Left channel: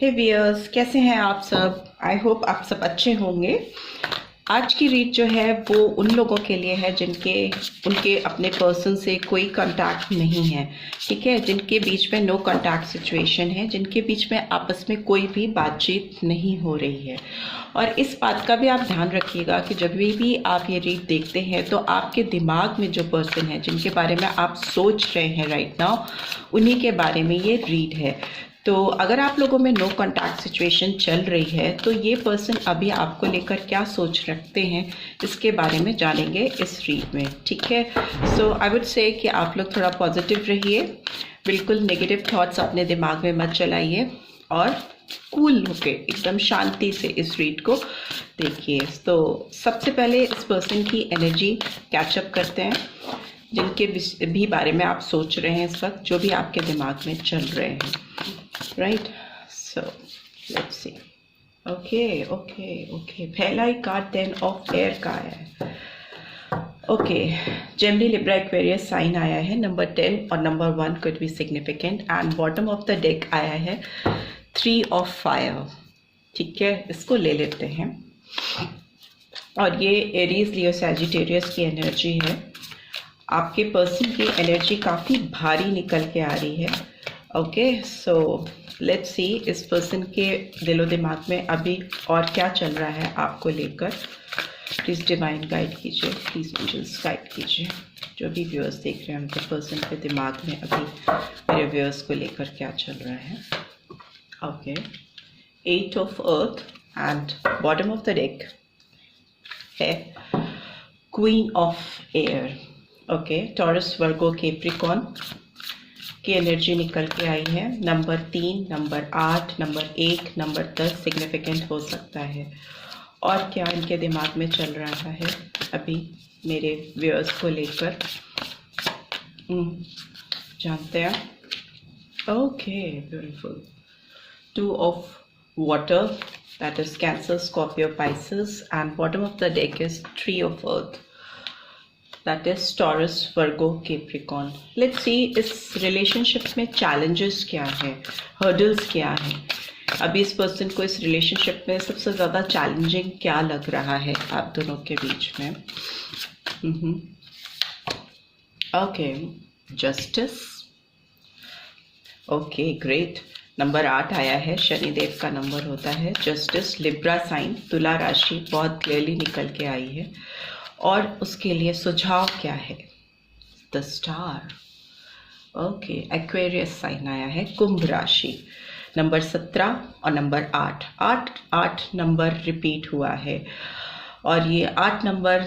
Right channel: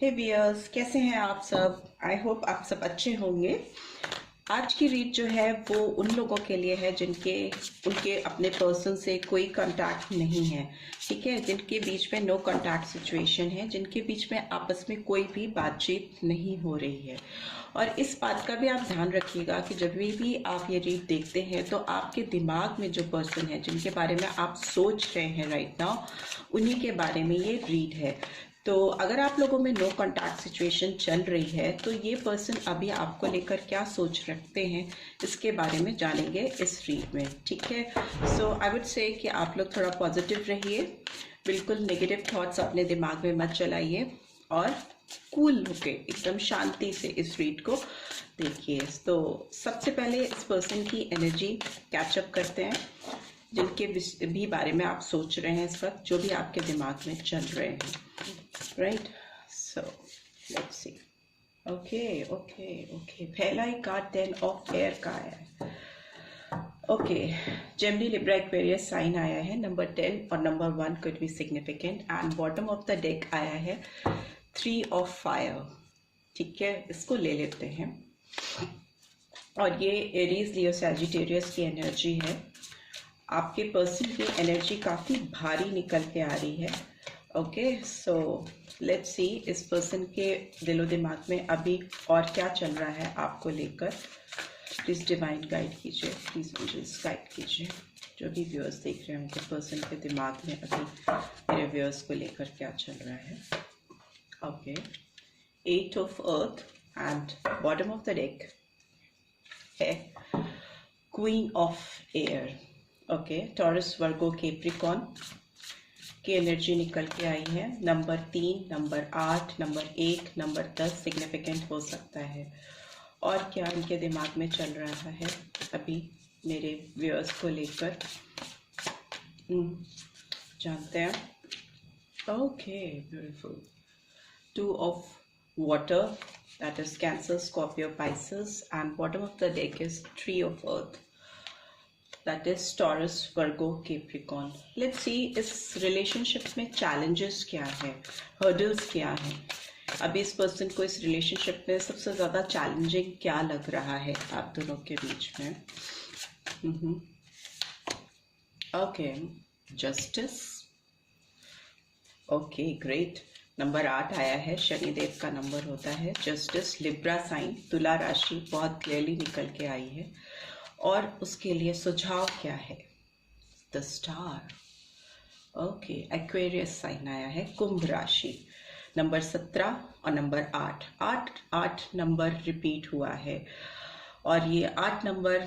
हे wears, कैसे हैं आप सब? आई होप आप सब अच्छे होंगे। आज की रीड जो है वो उन लोगों के लिए है जिनके उनके अपने पर्सन से कोई कांटेक्ट नहीं है, ठीक है, जिनके बीच में नो कांटेक्ट सिचुएशन है, जिनके बीच में आपस में कोई भी बातचीत नहीं हो रही है। और इस बात का भी आप ध्यान रखिएगा कि जब भी आप ये रीड देखते हैं तो आपके दिमाग में जो पर्सन है जिनके बारे में आप सोच रहे हैं राइट नाउ, उन्हीं के बारे में ये रीड है। तो अगर आप लोगों में नो कांटेक्ट सिचुएशन चल रही है तो ये पर्सन अभी आपको लेकर क्या सोच रखते हैं इसके बारे में जानेंगे इस रीड में, ठीक है। सो आई वुड से कि आप लोग थोड़ा पॉजिटिव रहिए, बिल्कुल नेगेटिव थॉट्स अपने दिमाग में मत चलाइए और कूल होके एकदम शांति से इस रीड को देखिए। तो सबसे पहले इस पर्सन की एनर्जी कैचअप करते हैं, जिनके भी बारे में आप सोच रहे हैं इस वक्त, जो भी आपके दिमाग में चल रहे हैं, right. So let's see. Okay, पहला ही कार्ड 10 ऑफ एयर का है। Okay, Gemini, Libra, Aquarius sign आया है। नंबर 10 और number 1 could be significant and bottom of the deck आया है 3 ऑफ फायर, ठीक है। इसको ले लेते हैं और ये एरीज, लियो, सैजिटेरियस की एनर्जी है। आपके पर्सन की एनर्जी काफ़ी भारी निकल के आ रही है। ओके, सो लेट्स सी इस पर्सन के दिलो दिमाग में अभी और क्या चल रहा है आपको लेकर। प्लीज़ डिवाइन गाइड कीजिए, प्लीज़ एंजल्स गाइड कीजिए। जो भी व्यूअर्स देख रहे हैं उनके पर्सन के दिमाग में अभी मेरे व्यूअर्स को लेकर क्या चल रहा है। Okay, 8 of earth and bottom of the deck है queen of air. Okay, Taurus, Virgo, Capricorn की एनर्जी निकल के आई है। Number 3, number 8, number 1, number 10 significant हो सकता है। और क्या इनके दिमाग में चल रहा है अभी मेरे व्यूअर्स को लेकर, जानते हैं। Okay, beautiful. 2 of water, that is cancer, Scorpio, Pisces and bottom of the deck is 3 of earth, that is Taurus, Virgo, Capricorn. Let's see इस रिलेशनशिप में चैलेंजेस क्या है, हर्डल्स क्या है। अभी इस पर्सन को इस रिलेशनशिप में सबसे ज़्यादा चैलेंजिंग क्या लग रहा है आप दोनों के बीच में। Okay, justice. Okay, great. Number 8 आया है, शनिदेव का नंबर होता है। जस्टिस, लिब्रा साइन, तुला राशि बहुत क्लियरली निकल के आई है। और उसके लिए सुझाव क्या है? The star. Okay, Aquarius sign आया है, कुंभ राशि। नंबर 17 और नंबर 8 नंबर रिपीट हुआ है। और ये 8 नंबर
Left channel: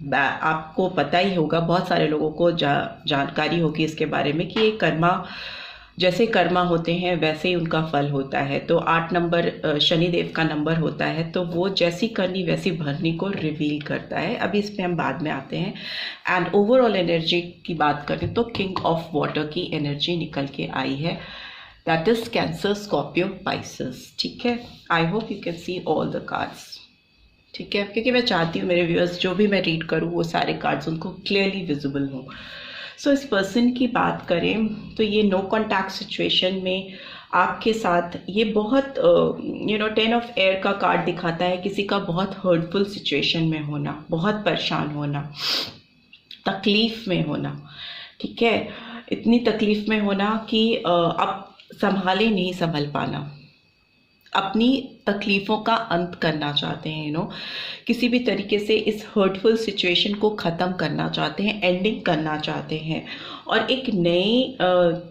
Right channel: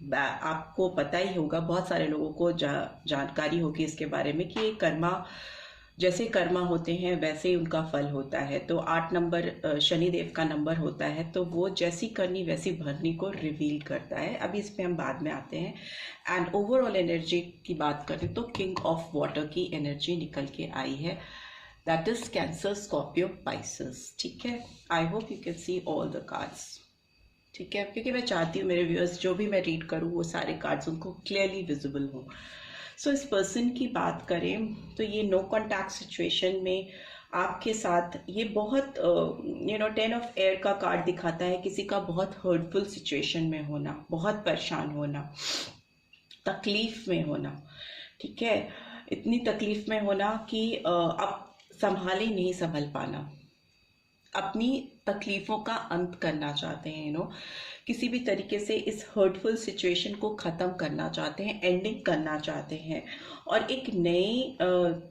आपको पता ही होगा, बहुत सारे लोगों को जानकारी होगी इसके बारे में कि ये कर्मा, जैसे कर्मा होते हैं वैसे ही उनका फल होता है। तो 8 नंबर शनिदेव का नंबर होता है, तो वो जैसी करनी वैसी भरनी को रिवील करता है। अभी इस पे हम बाद में आते हैं। एंड ओवरऑल एनर्जी की बात करें तो किंग ऑफ वाटर की एनर्जी निकल के आई है, that is cancer, Scorpio, Pisces, ठीक है। I hope you can see all the cards, ठीक है, क्योंकि मैं चाहती हूँ मेरे व्यूअर्स जो भी मैं रीड करूँ वो सारे कार्ड्स उनको क्लियरली विजिबल हों। सो इस पर्सन की बात करें तो ये नो कॉन्टैक्ट सिचुएशन में आपके साथ ये बहुत 10 ऑफ एयर का कार्ड दिखाता है किसी का बहुत हर्टफुल सिचुएशन में होना, बहुत परेशान होना, तकलीफ में होना, ठीक है। इतनी तकलीफ में होना कि अब संभाले नहीं संभल पाना, अपनी तकलीफ़ों का अंत करना चाहते हैं, किसी भी तरीके से इस हर्टफुल सिचुएशन को ख़त्म करना चाहते हैं, एंडिंग करना चाहते हैं और एक नई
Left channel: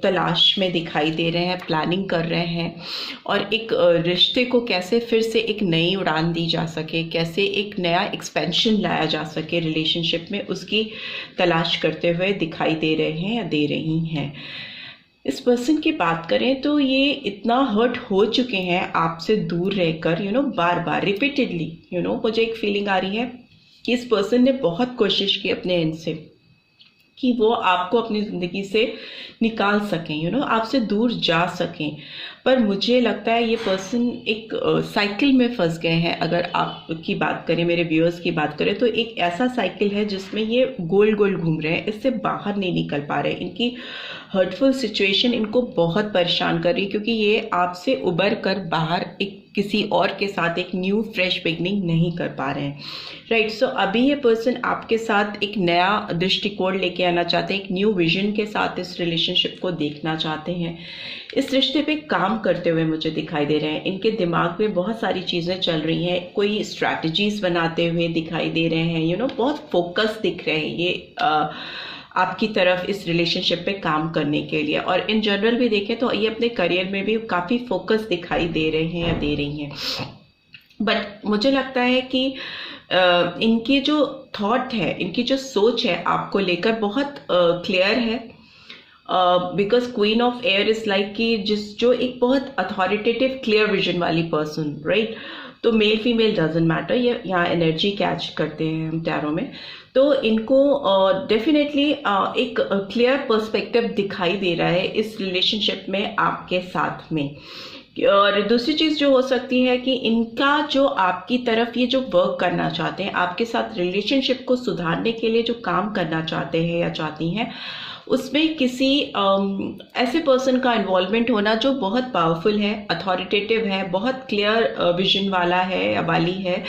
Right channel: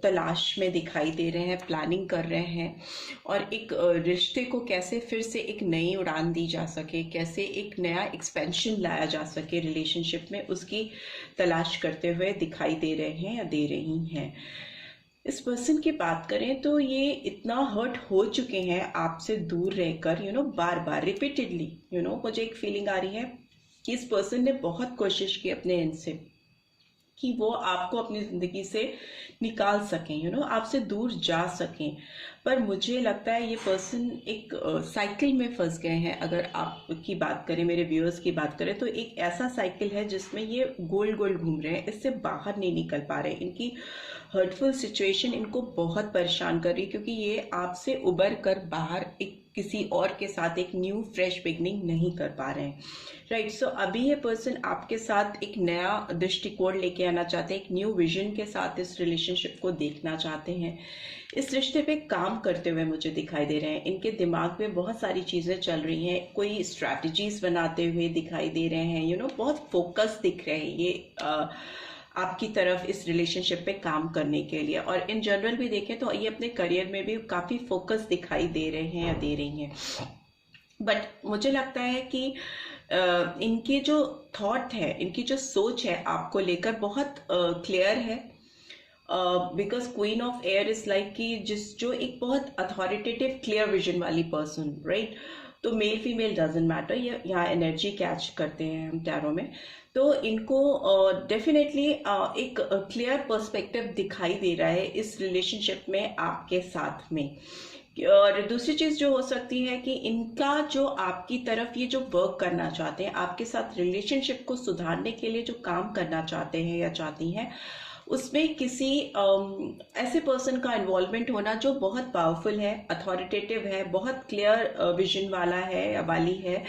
तलाश में दिखाई दे रहे हैं, प्लानिंग कर रहे हैं। और एक रिश्ते को कैसे फिर से एक नई उड़ान दी जा सके, कैसे एक नया एक्सपेंशन लाया जा सके रिलेशनशिप में, उसकी तलाश करते हुए दिखाई दे रहे हैं या दे रही हैं। इस पर्सन की बात करें तो ये इतना हर्ट हो चुके हैं आपसे दूर रहकर, बार बार रिपीटेडली, मुझे एक फीलिंग आ रही है कि इस पर्सन ने बहुत कोशिश की अपने एंड से कि वो आपको अपनी ज़िंदगी से निकाल सकें, आपसे दूर जा सकें, पर मुझे लगता है ये पर्सन एक साइकिल में फंस गए हैं। अगर आपकी बात करें, मेरे व्यूअर्स की बात करें, तो एक ऐसा साइकिल है जिसमें ये गोल गोल घूम रहे हैं, इससे बाहर नहीं निकल पा रहे। इनकी हर्टफुल सिचुएशन इनको बहुत परेशान कर रही है, क्योंकि ये आपसे उबर कर बाहर एक किसी और के साथ एक न्यू फ्रेश बिगनिंग नहीं कर पा रहे हैं, राइट। सो अभी ये पर्सन आपके साथ एक नया दृष्टिकोण लेके आना चाहते हैं, एक न्यू विजन के साथ इस रिलेशनशिप को देखना चाहते हैं। इस रिश्ते पे काम करते हुए मुझे दिखाई दे रहे हैं। इनके दिमाग में बहुत सारी चीज़ें चल रही हैं, कोई स्ट्रैटेजीज बनाते हुए दिखाई दे रहे हैं, बहुत फोकस दिख रहे हैं ये आपकी तरफ इस रिलेशनशिप पे काम करने के लिए। और इन जनरल भी देखें तो ये अपने करियर में भी काफ़ी फोकस दिखाई दे रहे हैं या दे रही हैं। बट मुझे लगता है कि इनके जो थॉट है, इनकी जो सोच है आपको लेकर बहुत क्लियर है। Because queen of air is like कि जो एक बहुत अथॉरिटेटिव क्लियर विजन वाली पर्सन, राइट। तो मेल फीमेल डजेंट मैटर, ये यहाँ एनर्जी कैच करते हैं हम टैरो में। तो इनको डेफिनेटली एक क्लियर पर्सपेक्टिव दिखाई दे रहा है इस रिलेशनशिप में आपके साथ में। और दूसरी चीज़ जो हो सकती है कि इनका जो आपकी तरफ ये जो वर्क करना चाहते हैं, आपके साथ रिलेशनशिप को सुधारने के लिए जो काम करना चाहते हैं या चाहती हैं, उसमें किसी ऐसे पर्सन का इन्वॉल्वमेंट होना जो बहुत पावरफुल है, अथॉरिटेटिव है, बहुत क्लियर विजन वाला है या वाली है,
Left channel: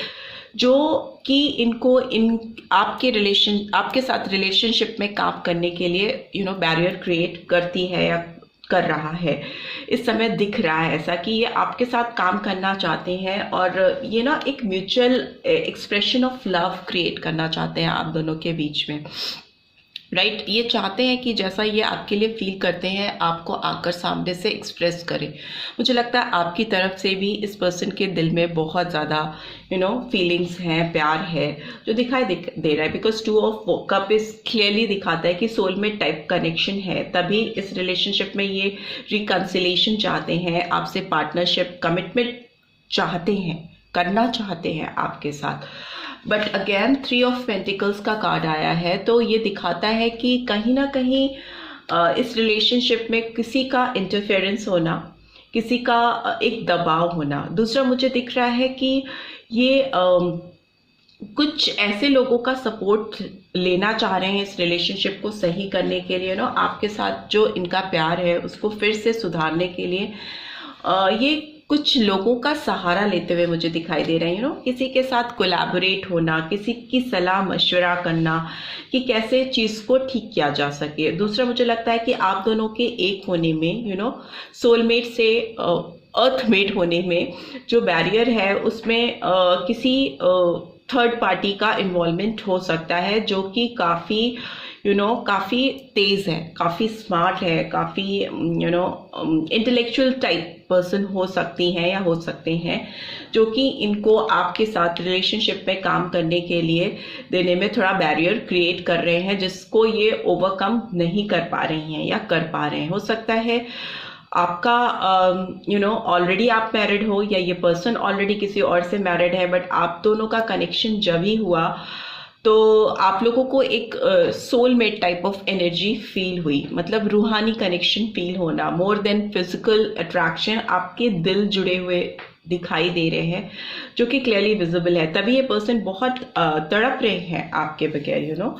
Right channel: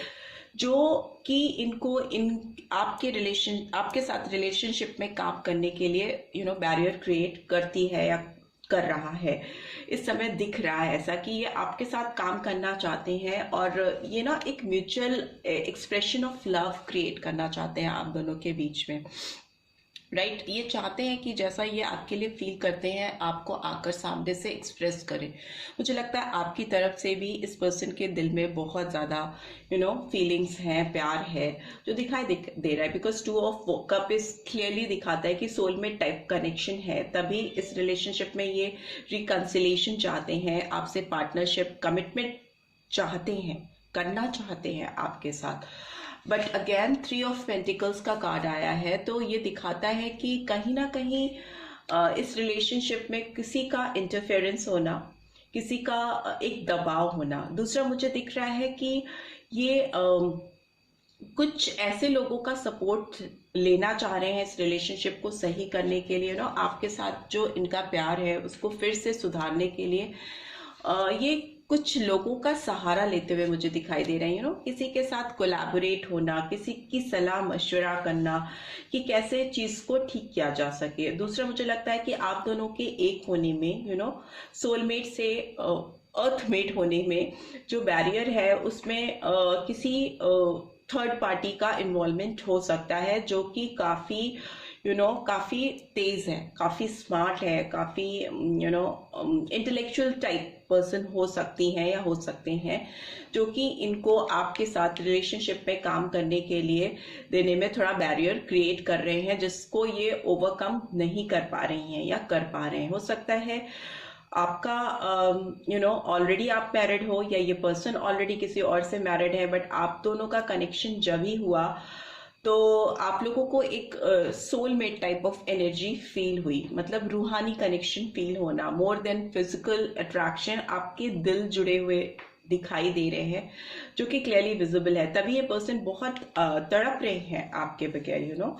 जो कि इनको आपके साथ रिलेशनशिप में काम करने के लिए बैरियर क्रिएट करती है या कर रहा है। इस समय दिख रहा है ऐसा कि ये आपके साथ काम करना चाहते हैं और ये एक mutual expression of love create करना चाहते हैं आप दोनों के बीच में, राइट। ये चाहते हैं कि जैसा ये आपके लिए फील करते हैं आपको आकर सामने से एक्सप्रेस करें। मुझे लगता है आपकी तरफ से भी इस पर्सन के दिल में बहुत ज़्यादा फीलिंग्स हैं, प्यार है जो दिखाई दे रहा है। बिकॉज 2 ऑफ कप इस क्लियरली दिखाता है कि सोलमेट टाइप कनेक्शन है, तभी इस रिलेशनशिप में ये रिकन्सिलेशन चाहते हैं, आपसे पार्टनरशिप कमिटमेंट चाहते हैं, करना चाहते हैं आपके साथ। बट अगेन 3 ऑफ पेंटिकल्स का कार्ड आया है, तो ये दिखाता है कि कहीं ना कहीं इस रिलेशनशिप में किसी का इंटरफेरेंस होना, किसी का एक दबाव होना। दूसरा मुझे दिख रहा है कि ये कुछ ऐसे लोगों का सपोर्ट लेना चाह रहे हैं इस रिलेशनशिप को सही करने के लिए, आपके साथ जो इनका प्यार है उसको फिर से सुधारने के लिए ये कुछ लोगों का सहारा लेते हुए मुझे दिखाई दे रहे हैं। किसी के साथ कोलैबोरेट होना, किसी की सलाह मशवरा करना कि कैसे चीज़ को ठीक किया जा सके। दूसरा मुझे लगता है कि आप दोनों के एक होने में सोलमेट से अर्थमेट होने में जो बैरियर है उसमें किसी थर्ड पार्टी का इन्वॉल्वमेंट हो सकता है, जो कि काफ़ी काफ़ी तेज़ है, काफ़ी स्मार्ट है, काफ़ी इंटेलेक्चुअल टाइप पर्सन हो सकती हैं या हो सकते हैं, जो कि इनको आपके साथ रिलेशनशिप में काम करने के लिए देने में थोड़ा बैरियर क्रिएट कर रहे हैं, जिसको ये ओवरकम नहीं कर पा रही हैं या कर पा रहे हैं। हो सकता है आपका ऑलरेडी आप मैरिड हो या ये पर्सन ऑलरेडी किसी और से मैरिड है, बट आप दोनों का कनेक्शन जब ही हुआ तो आप लोगों को एक soulmate type of energy feel हुई, मतलब रूहानी कनेक्शन फील होना, मोर देन फिजिकल अट्रैक्शन। आपके दिल जुड़े हुए दिखाई दे रहे हैं जो कि क्लियरली विजिबल है। तभी ये पर्सन बहुत तड़प रहे हैं आपके बगैर,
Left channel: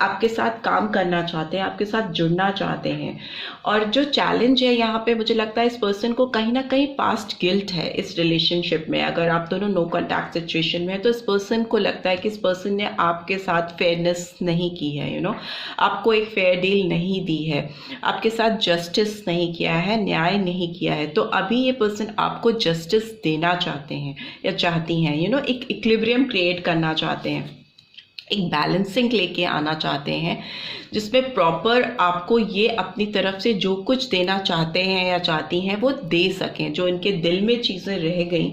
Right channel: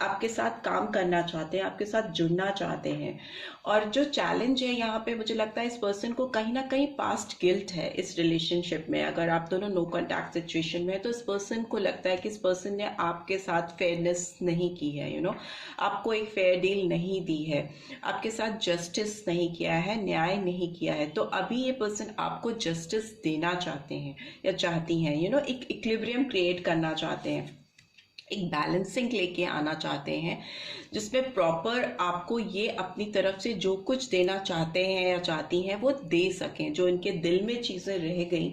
आपके साथ काम करना चाहते हैं, आपके साथ जुड़ना चाहते हैं। और जो चैलेंज है यहाँ पे, मुझे लगता है इस पर्सन को कहीं ना कहीं पास्ट गिल्ट है इस रिलेशनशिप में। अगर आप दोनों नो कॉन्टैक्ट सिचुएशन में है तो इस पर्सन को लगता है कि इस पर्सन ने आपके साथ फेयरनेस नहीं की है, आपको एक फेयर डील नहीं दी है, आपके साथ जस्टिस नहीं किया है, न्याय नहीं किया है। तो अभी ये पर्सन आपको जस्टिस देना चाहते हैं या चाहती हैं, एक इक्विलिब्रियम क्रिएट करना चाहते हैं, एक बैलेंसिंग लेके आना चाहते हैं, जिसमें प्रॉपर आपको ये अपनी तरफ से जो कुछ देना चाहते हैं या चाहती हैं वो दे सकें। जो इनके दिल में चीज़ें रह गई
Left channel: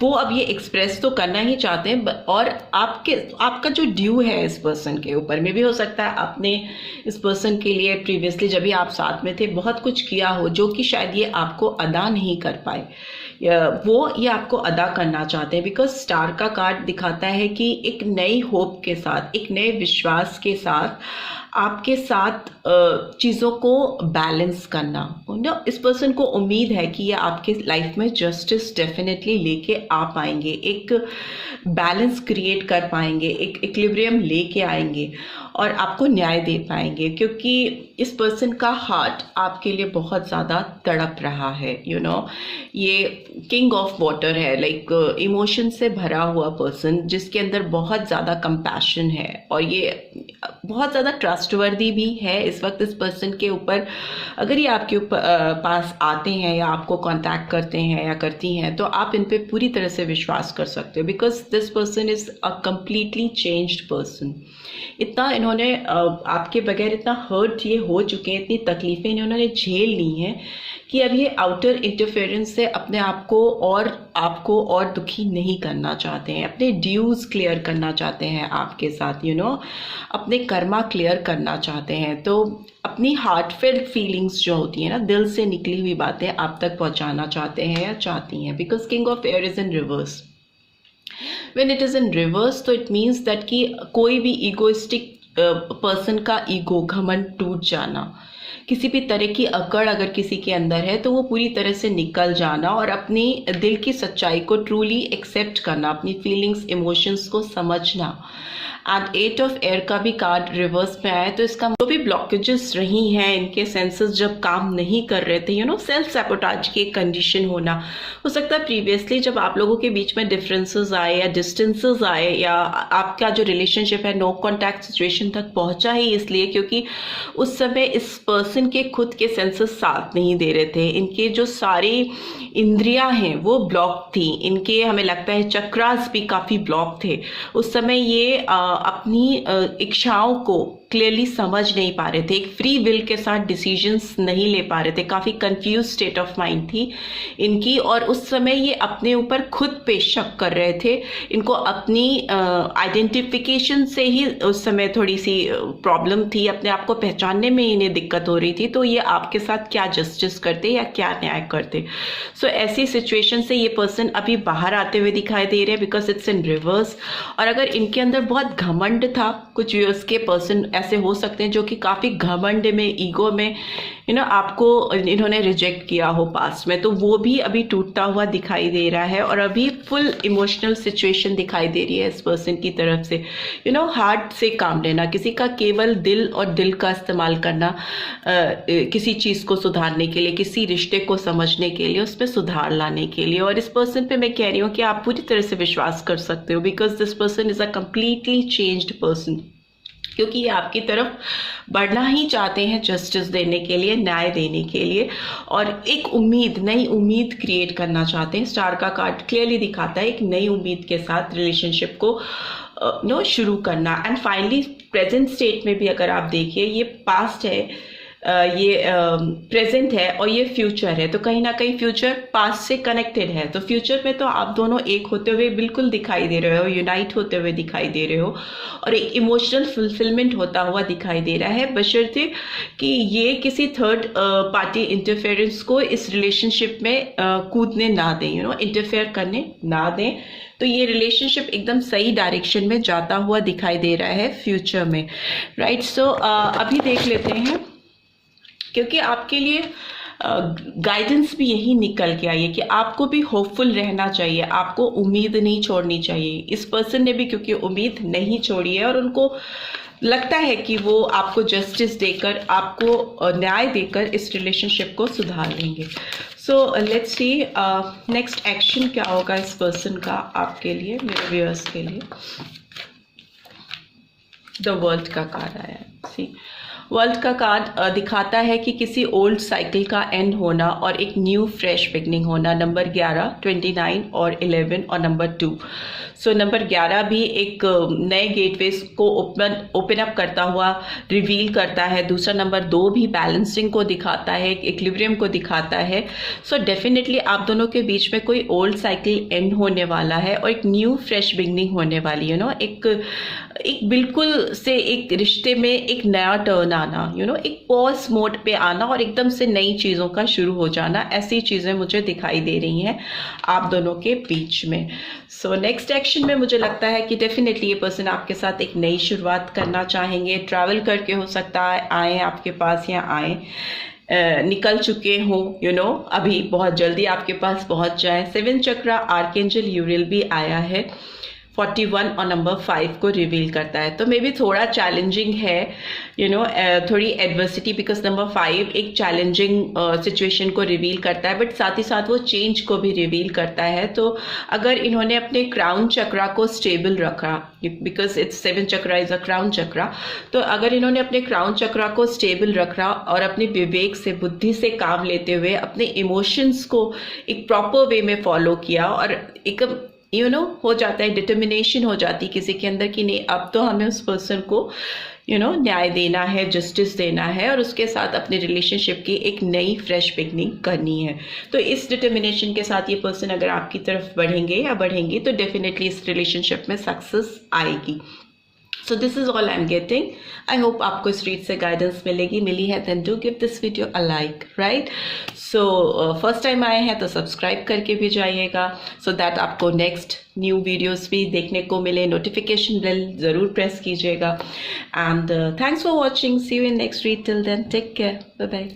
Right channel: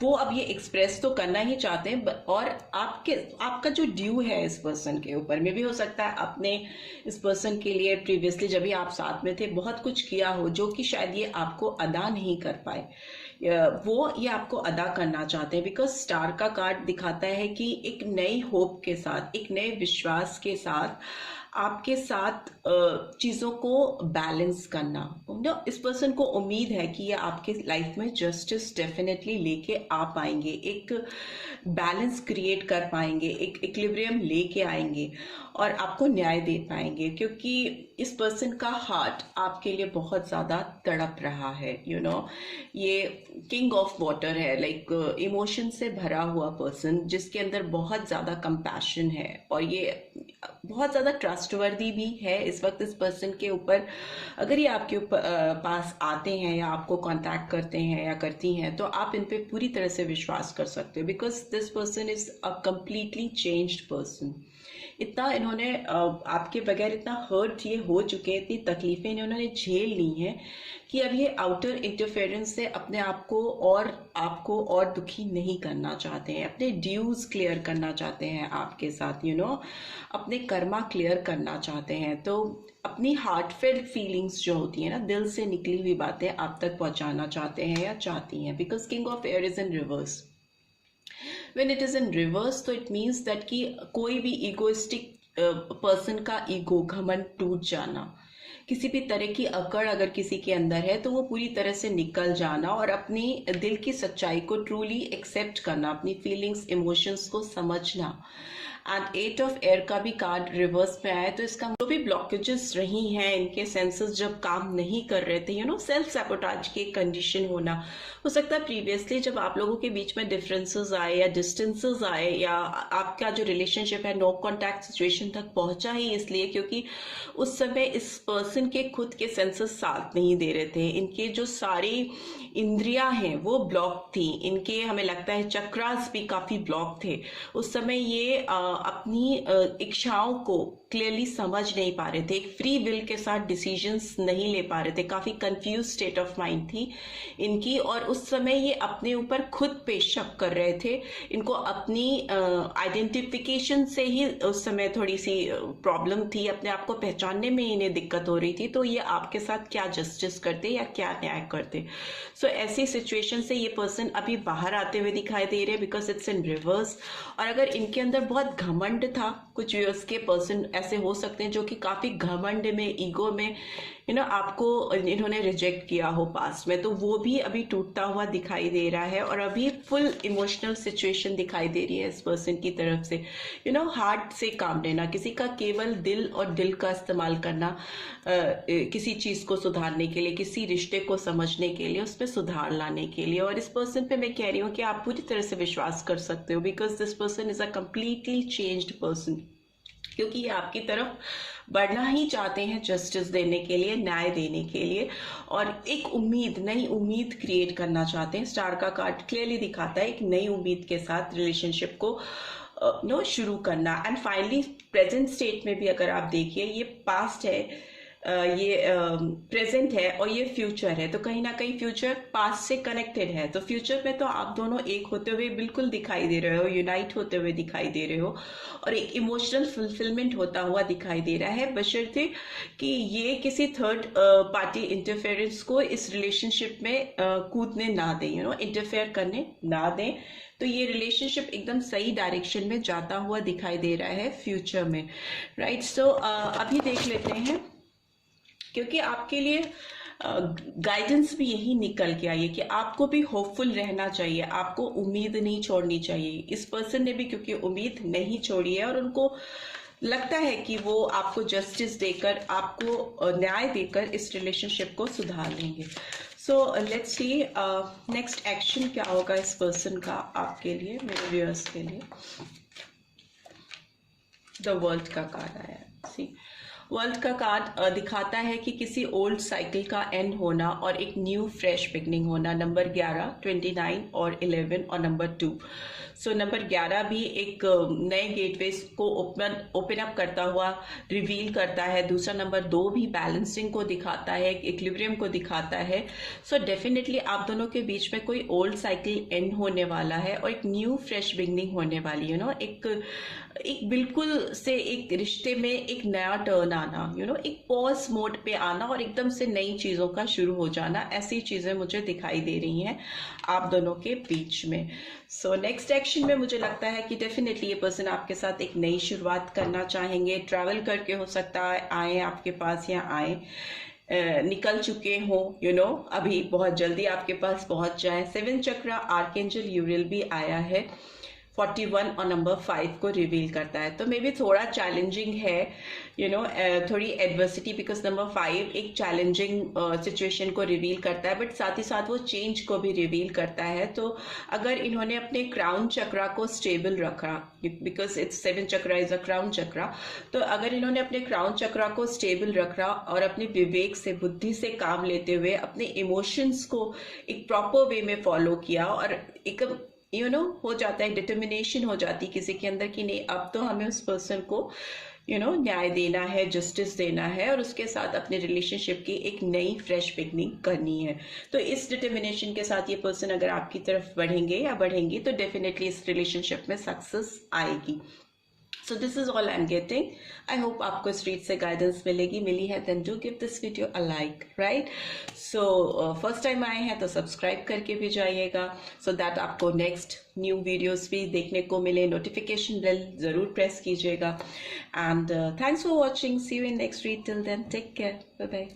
वो अब ये एक्सप्रेस तो करना ही चाहते हैं। और आपका जो ड्यू है इस पर्सन के ऊपर में भी हो सकता है आपने इस पर्सन के लिए प्रीवियसली जब भी आप साथ में थे बहुत कुछ किया हो, जो कि शायद ये आपको अदा नहीं कर पाए, वो ये आपको अदा करना चाहते हैं। बिकॉज स्टार का कार्ड दिखाता है कि एक नई होप के साथ, एक नए विश्वास के साथ आपके साथ चीज़ों को बैलेंस करना। इस पर्सन को उम्मीद है कि ये आपके लाइफ में जस्टिस डेफिनेटली लेके आ पाएंगे, एक बैलेंस क्रिएट कर पाएंगे, एक इक्विलिब्रियम लेके आएंगे और आपको न्याय दे पाएंगे, क्योंकि इस पर्सन का हार्ट आपके लिए बहुत ज़्यादा तड़प रहा है। ये किंग ऑफ वाटर है, लाइक इमोशन से भरा हुआ पर्सन जिसके अंदर बहुत ज़्यादा कंपैशन है और ये बहुत ज़्यादा ट्रस्टवर्दी भी है। इस वक्त इस पर्सन के ऊपर अगर ये आपके ऊपर पास आते हैं या आपको कांटेक्ट करते हैं या करती हैं तो आप इन पे पूरी तरह से विश्वास कर सकते हो, because this person is a completely changed person. इतना इन्होंने आपके बगैर इतना हर्ट ये हो चुके हैं, इतनी तकलीफ़ें इन्होंने झेल ली हैं कि अब ये आउटर इंटरफेरेंस से अपने आप को और आपको और दुखी नहीं करना चाहते हैं, अपने ड्यूज क्लियर करना चाहते हैं आपके साथ, अपने कर्मा क्लियर करना चाहते हैं। तो अपनी हार्टफेल्ट फीलिंग्स जो होती हैं ना, दिल से निकली हुई बातें आप तक पहुंचाना चाहते हैं या चाहती हैं, because king of air is in reverse. When it is in reverse, तो it means that कि कोई भी ईगोइस्टिक पर्सन का ईगो, घमंड टूट जाना, किसी भी तरह की अकड़ अगर किसी के अंदर है तो वो पूरी तरह से निकल जाना और अपनी दिल की सच्चाई को ट्रूली एक्सेप्ट करना, अपनी फीलिंग्स इमोशंस को समझना। एंड 8 ऑफ एयर का भी कार्ड रिवर्स में आया, तो इसका जो भी ब्लॉकेजेस रही हैं, इनके सेंसेस जब काम नहीं कर रहे थे, सेल्फ सैबोटाज की कंडीशन होना, हो सकता है प्रीवियसली जब आप लोगों के बीच में डिफरेंसेस आए या डिस्टेंसेस आए या आपका जो रिलेशनशिप है नो कॉन्टैक्ट सिचुएशन तक पहुंचा ही इसलिए क्योंकि उस समय इस पर्सन के खुद के सेंसेस साथ नहीं दे रहे थे, इनके जो सारी इंद्रियां हैं वो ब्लॉक थी, इनके हमें लगता है चक्रास भी काफ़ी ब्लॉक थे। उस समय ये अपनी इच्छाओं को क्लियरली समझ नहीं पा रहे थे, एक फ्री विल के साथ डिसीजंस नहीं ले पा रहे थे, काफ़ी कंफ्यूज स्टेट ऑफ माइंड थी इनकी। और उस समय ये अपने ऊपर खुद पे शक कर रहे थे, इनको अपनी आइडेंटिफिकेशन से ही उस समय थोड़ी सी प्रॉब्लम थी, अपने आप को पहचानने में इन्हें दिक्कत हो रही थी, तो ये आपके साथ क्या जस्टिस करते या क्या न्याय करते। सो ऐसी सिचुएशन से ये पर्सन अभी बाहर आते हुए दिखाई दे रहे हैं, बिकॉज इट्स इन रिवर्स। और अगर इनके अंदर बहुत घमंड था, कुछ व्यूअर्स के पर्सन ऐसे हो सकते हैं जो कि काफ़ी घमंड में, ईगो में आपको इन्होंने रिजेक्ट किया हो पास्ट में, तो वो भी अभी टूटता हुआ दिखाई दे रहा है और अभी फुल इमोशनल सिचुएशन दिखाई दे रही है इस पर्सन की तरफ से। हार्ट से काम लेना, किसी का केवल दिल और दिल का इस्तेमाल करना किसी चीज़ को सुधारने के लिए, किसी रिश्ते को समझने के लिए, उस पर सुधार लाने के लिए। और इस पर्सन पे मैं कह रही हूँ कि आप पूरी तरह से विश्वास कर सकते हो, because this person is a completely changed person, क्योंकि ये आपकी तरफ बढ़ना ही चाहते हैं जस्टिस देने के लिए, न्याय देने के लिए, और एक उम्मीद, नई उम्मीद क्रिएट करना चाहते हैं। स्टार का कार्ड क्लियरली दिखाता है एक नई उम्मीद के साथ रिलेशनशिप को शुरू करना। एंड फाइनली प्रेजेंट स्टेट में भी अगर आप देखिए, ये पास्ट है, ये प्रेजेंट है और ये फ्यूचर है, तो कहीं ना कहीं फ्यूचर पास्ट से कनेक्टेड है। तो फ्यूचर में तो आप दोनों एक होते हुए बिल्कुल दिखाई दे रहे हो, यूनाइट होते हुए दिखाई दे रहे हो और एक इमोशनल फुलफिलमेंट होता हुआ दिखाई दे रहा है, बशर्ते कि ये किसी थर्ड पार्टी इंटरफेरेंस को इस रिलेशनशिप में कूदने ना दें, इंटरफेयर करने ना दें। तो ये रिलेशनशिप एकदम सही डायरेक्शन में जाता हुआ दिखाई दे रहा है फ्यूचर में, राइट। सो अभी देख लेते हैं, क्योंकि आपके लिए गाइडेंस भी यही निकल के आई है कि आपको भी होपफुल रहना चाहिए, आपको उम्मीद नहीं छोड़नी चाहिए। इस पर्सन ने भी क्योंकि उम्मीद नहीं छोड़ी है और उनको लगता है कि वो आपको जस्टिस देकर, आपको न्याय देकर इस रिलेशनशिप को सुधार लेंगे। सो लेट्स सी नेक्स्ट एक्शन क्या होगा इस पर्सन का आपके लिए, मेरे व्यूअर्स के लिए। द वर्ल्ड का कार्ड आया है। सी, वर्ल्ड का कार्ड दिखाता है कि किसी ओल्ड साइकिल का एंड होना और एक न्यू फ्रेश बिगनिंग होना। नंबर 11, 29 और 11 और नंबर 2। सो नंबर 11 भी एक नए गेटवेज को ओपन अप करता हुआ रिवील करता है। दूसरा नंबर 2 भी बैलेंसिंग को दिखाता है, इक्विलिब्रियम को दिखाता है। सो डेफिनेटली आप दोनों के बीच में कोई ओल्ड साइकिल एंड होने वाला है और एक न्यू फ्रेश बिगनिंग होने वाली है। एक एक बिल्कुल से एक रिश्ते में एक नया टर्न आना, एक पॉज मोड पे आना और एकदम से नई चीज़ों का शुरू हो जाना, ऐसी चीज़ें मुझे दिखाई दे रही हैं आप दोनों के बीच में। सो नेक्स्ट एक्शन में मुझे लगता है कि डेफिनेटली ये पर्सन आपके साथ एक नई शुरुआत करना चाहेंगे। ट्रैवल करके हो सकता है आए आपके पास या आए निकल चुके हों, अभी बहुत जल्दी आपके पास पहुंच जाए। 7 चक्रा आर्कएंजल यूरियल भी आया है, 41 और नंबर 5 को रिवील करता है। तो मे बी थोड़ा चैलेंजिंग है, थोड़ी एडवर्सिटी, बिकॉज नंबर 5 एक चैलेंजिंग सिचुएशन को रिवील करता है, बट साथ ही साथ वो चेंज को भी रिवील करता है। तो अगर इन्होंने अपने क्राउन चक्रा को स्टेबल रखा, because it's 7 chakra is a crown chakra, तो अगर इन्होंने अपने क्राउन चक्रा को स्टेबल रखा और अपने विवेक से, बुद्धि से काम लेते हुए अपने इमोशंस को एक प्रॉपर वे में फॉलो किया और एक हो जाता है, डिटर्मिनेशन हो जाती किसी के अंदर कि नहीं अब तो हमें उस पर्सन को न्याय देना है, जस्टिस देना है और उसके साथ अपने रिलेशनशिप की एक नई फ्रेश बिगनिंग करनी है। तो इस डिटर्मिनेशन के साथ ये पर्सन अगर आपकी तरफ बढ़ेंगे या बढ़ेंगी तो डेफिनेटली इस रिलेशनशिप में सक्सेस आएगी। So this is all I am getting. I hope आपको इस रीड से गाइडेंस मिली है, then do give this video a like, right. So first time आए हैं तो सब्सक्राइब करके भी जाइएगा, सो दैट आपको नेक्स्ट न्यू वीडियोस भी देखने को मिले। नोटिफिकेशन बेल ज़रूर प्रेस कीजिएगा and thanks for watching. See you in next read. Till then take care, bye bye.